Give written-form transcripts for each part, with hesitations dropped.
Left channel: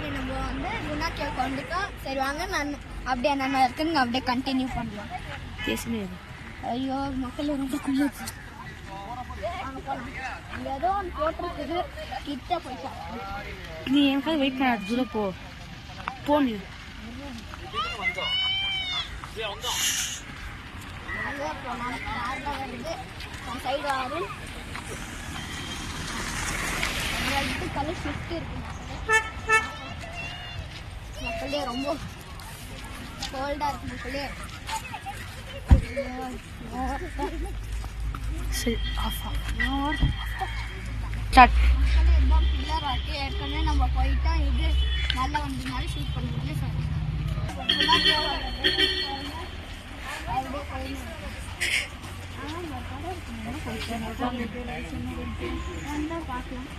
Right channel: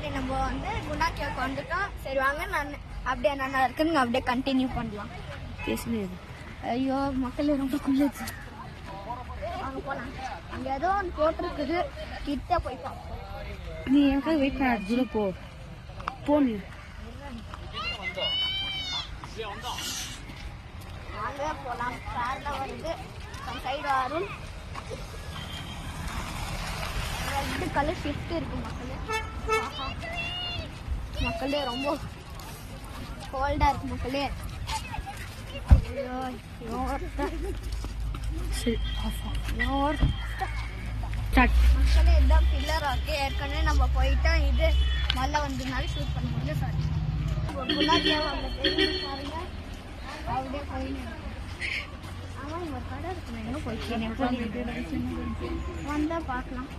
சரி நம்ம வந்து குணா கேவுக்கு வந்துட்டோம். சரி வாங்க நான் அப்படியே என்னென்ன இருக்குன்னு அப்படியே கண்டினியூ பண்ணலாம். பேசுனது ஐயோ மக்கள் ரொம்ப குளிர்ச்சி. அங்கே போகலாம். அங்கே ஏதோ ஒன்று போட்டிருக்குது. கிட்ட போய் சாப்பிட்டோம். நீ எனக்காக வெயிட் பண்ண தூரம் போ நீ. நாங்களே போகலாம். காரில் வருது சைடு வரும். கலர் ஷிஃப்ட் இருக்கு மக்களே ரொம்ப கோல்டா இருக்கு மக்களே. மக்களே இதுதான் பில்லர் ராக்கு. ஏற்கனவே நம்ம போயிட்டா இது நல்லா வந்ததுனால ஷூட் பண்ண முடியும் சார். அப்படியே போயிடணும். ஆனால் ஒரு கடை இருக்கணும். என்ன போயிட்டு வந்தால் பார்க்கலாம்.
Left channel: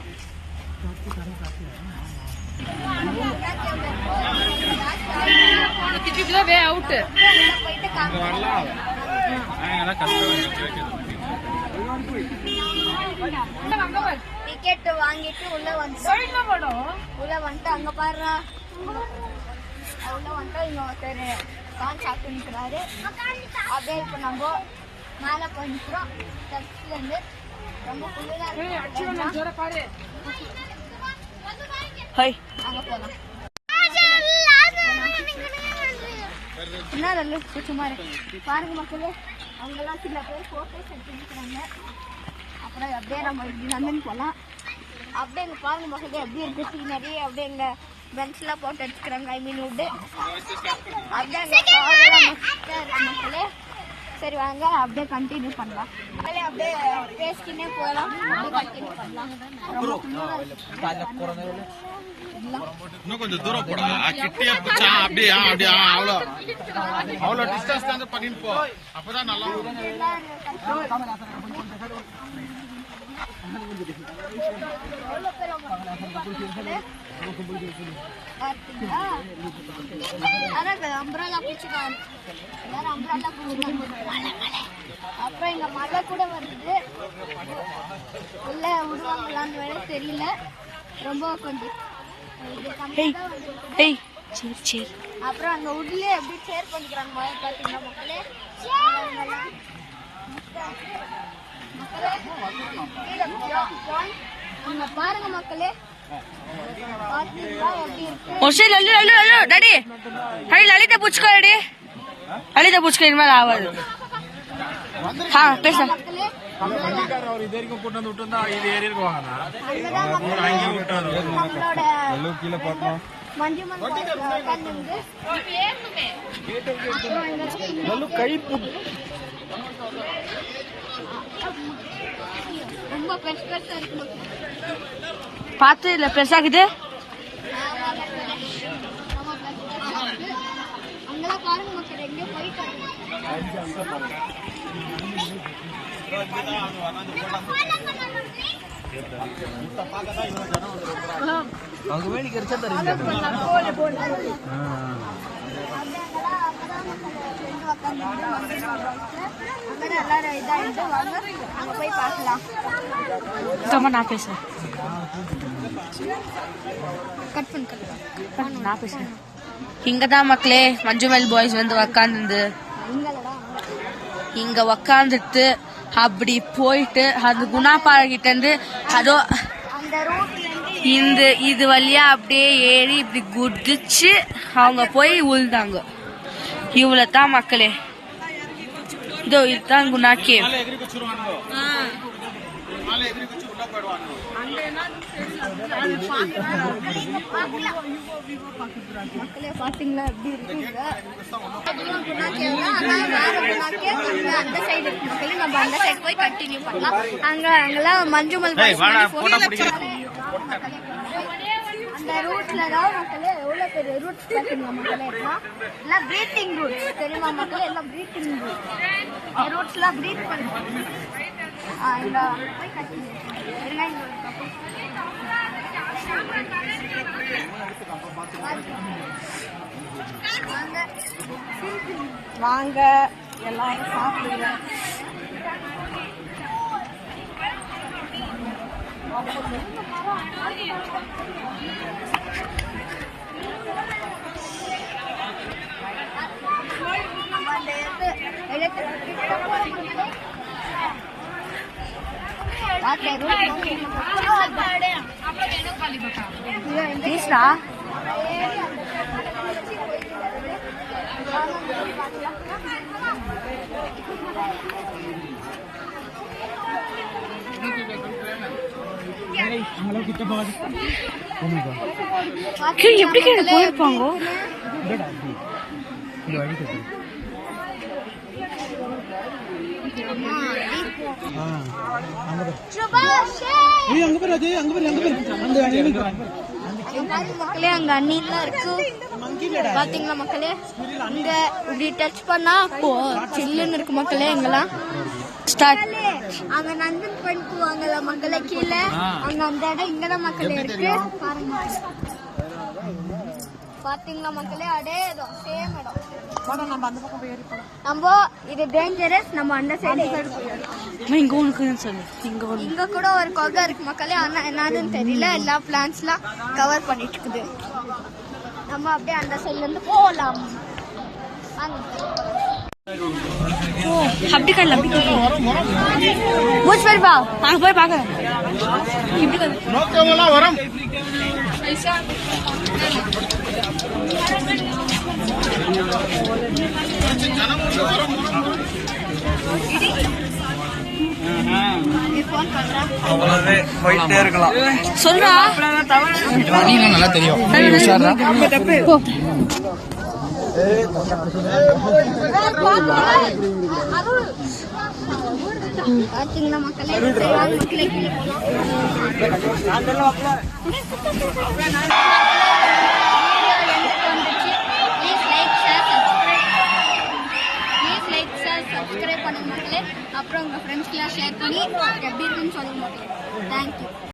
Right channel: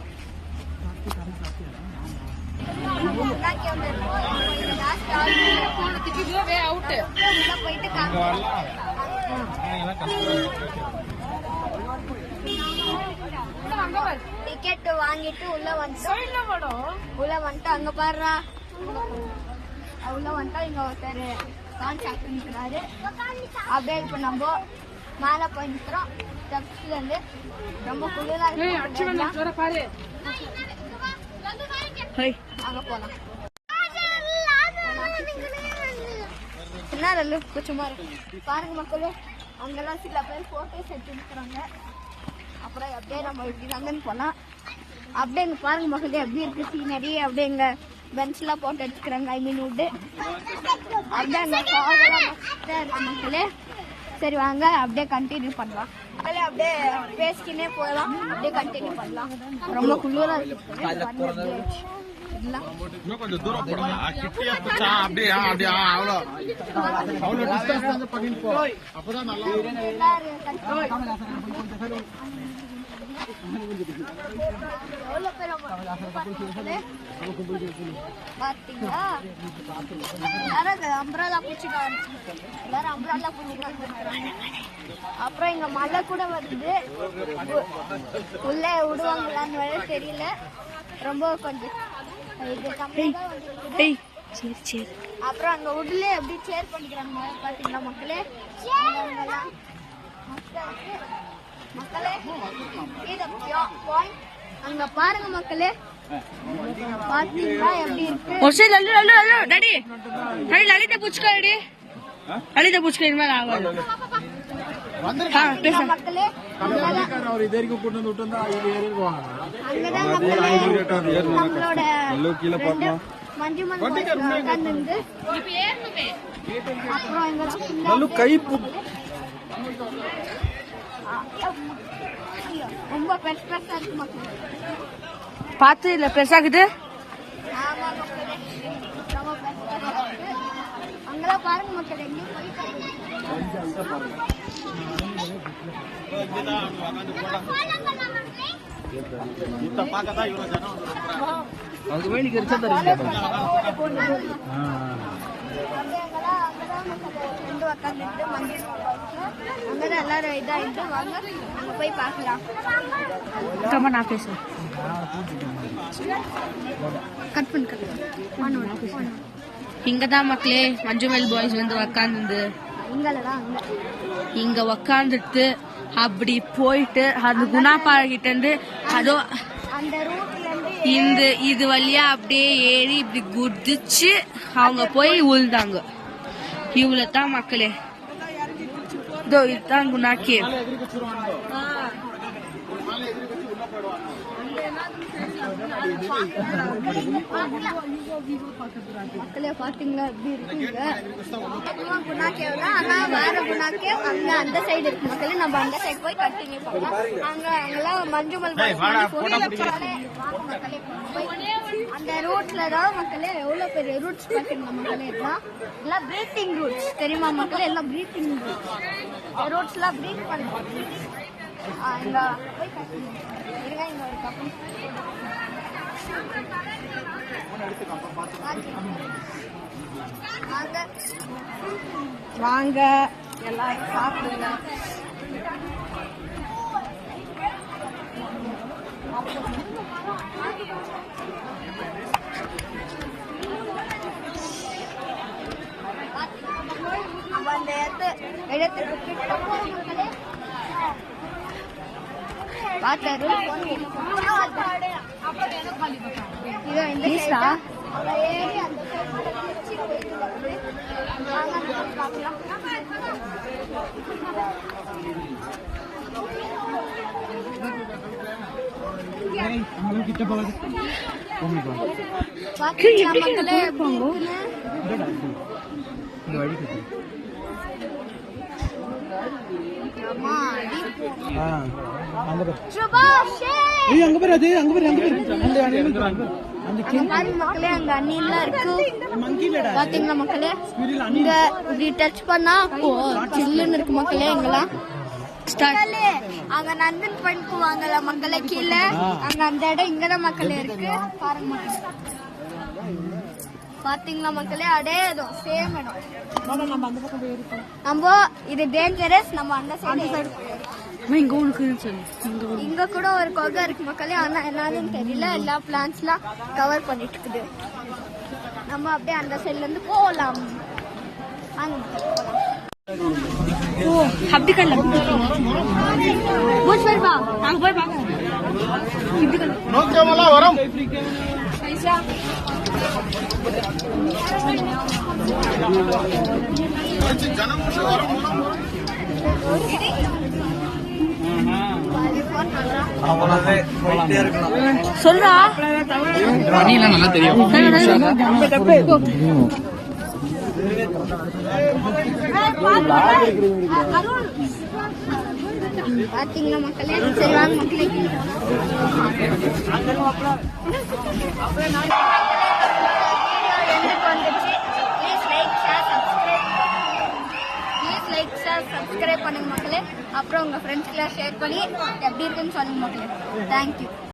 டிக்கெட் வாங்கிட்டு உள்ள வந்துட்டு அங்க பாடுறா உள்ள வந்துட்டா இங்க ஒருத்தர் சாப்பிட்டு நிற்கிறாரு. அப்படியே இப்போ நம்ம மேலே போய் நிற்கிறோம். ஸ்டெப்ஸ்ல இருந்து ரொம்ப குளிரா இருக்கு. அங்க போலாம். சும்மா பாருங்க மக்களே, அங்கெல்லாம் சில பேர் போட்டோஸ் எடுத்துக்கிறாங்க. அப்புறம் அப்படியே நம்ம இப்படி நடந்து போகலாம். அப்படியே இங்கே பாருங்க மக்களே எப்படி இருக்கு சீனரி. அப்படியே எங்க பெஞ்ச்லாம் போட்டு எடுத்துக்கிறாங்க. ஐ மீன் விட்டு மக்களே. சரி வாங்க அப்படியே கண்டினியூ பண்ணலாம். அப்படியே பேசிக்கினே போகலாம். அப்படியே கண்டினியூ பண்ணலாம். ரொம்ப குளிரா இருக்கு. இன்னும் கொஞ்சம் தூரம் போடா. கிட்டியா பிடிச்சா அப்படியே அப்படியே அவ்வளோ டிஸ்டன்ஸ் வந்து பண்ணிட்டு போ. அப்பதான் நல்லா அம்பராலா பூச்சிக்கா எல்லாரும் அம்பராலா பூச்சி. அப்புறம் இங்க மழை கூட வருது. உள்ள விடுவாங்களான்னு வேற தெரியல. ரொம்ப கொஞ்சம் அப்புறம் அங்க உள்ள எப்படி சேர் பண்ணிக்கிறாங்க பாத்தீங்களா மக்களே. அங்க பாருங்க மக்களே பாத்தீங்களா எப்படி இருக்கு. லலிதா பூச்சிக்கோ லலிதா பூச்சிக்கோ இனிமேல் ஆகாது. மக்களே மஞ்சு உட்காந்து அப்புறம் ரொம்ப பெருசா இருக்கு மக்கள். பார்த்து இல்ல பெருசாக்குது. ஆமா மக்களே ரொம்ப பெருசா இருக்கு. அங்கெல்லாம் பாருங்க மக்கள் எங்கேயோ போயிட்டு எல்லாரும் இதாயிட்டு வாங்க அங்க போய் பார்க்கலாம். நான் பேசுறேன். நான் பேசுறேன். இங்கதான் மக்களே மஞ்சுமெல் பாய்ஸ் வந்து உக்காந்து இங்க உக்காந்துட்டு அப்படி போயிட்டு அந்த குணாப்பாறைகிட்ட இருந்து அதோ இந்த இது வழியா அப்படியே ஏறி இப்படி குதிச்சு அவங்க போய் உழுந்தாங்க. இவ்வளவுதான் மக்களே. இதோ இதுதான் குணா கேவ். குணா கேவ் தான். ஆனா வேற குணா கேவ் அங்க அந்த சைடு இருக்கு மக்களே. நம்ம அந்த சைடு போய் கண்டினியூ பண்ணலாம். அங்கெல்லாம் மஞ்சுமல் அந்த ரூட்ல தான் மக்களே எவ்வளவு பெரிய ரூட்ஸ் பாத்தீங்களா மக்களே. எல்லாம் பிரீத்திங் ரூட்ஸ் தெரியுமா மக்களே. எல்லாம் பிரீத்திங் ரூட்ஸ் எல்லாம் பிரீத் பண்ணுங்க. போய் கண்டினியூ வாங்க எல்லாரும் சாப்பிடுங்க. இடத்துக்கு கிட்ட போற மக்களே. வாட்டர் இதோ இந்த ப்ளீஸ்டா. அந்த ஏறி அந்த திருச்சி போயிட்டு வருது. எப்படி கீழே போயிருப்பாங்க? மக்களே அங்க அண்ணிலாம் இருக்கு பாத்தீங்களா மக்களே. இங்க இப்படி டச் பண்ணா சில்லுன்னு இருக்கு மக்களே. எங்கெல்லாம் அங்க நந்தன் பாயிண்ட் போவாங்கல்ல மக்களே கீழே, அங்க அந்த இடம் இங்கதான் மக்களே இருக்கு பாருங்க. பாத்தீங்களா மக்களே, அடே சேம் இடம். நம்ம இது டேஞ்சரஸ், நம்ம அந்த சைடு இங்க ஒண்ணு சொல்லு. இங்க கூட ஒரு கொகை இருக்கு மக்களே. ஆனா என்னன்னு தெரியல, எல்லா பிளான்ஸ்லாம் கவர் பண்ணிட்டு இருக்குது. நம்ம அப்படியே அந்த சைட்ல இருந்து போகலாம். ஓ அப்படி கல்ல அப்படி மூச்சு பேர் பா அங்க போய் பாக்கலாம். இப்படி கல் நோக்கமெல்லாம் வரும். சொல்றா நல்லா தெரியும். பாத்தீங்களா மக்களே. சரி வாங்க மக்களே கீழே வந்துச்சு. ப்ளீஸ் லைக் ஷேர் சப்ஸ்கிரைப் பண்ணுங்க மக்களே. அப்புறம் உங்க ஃப்ரெண்ட்ஸ்க்கெல்லாம் ஷேர் பண்ணி எப்படி இருக்குன்னு சொல்லுங்க மக்களே. தேங்க்யூ.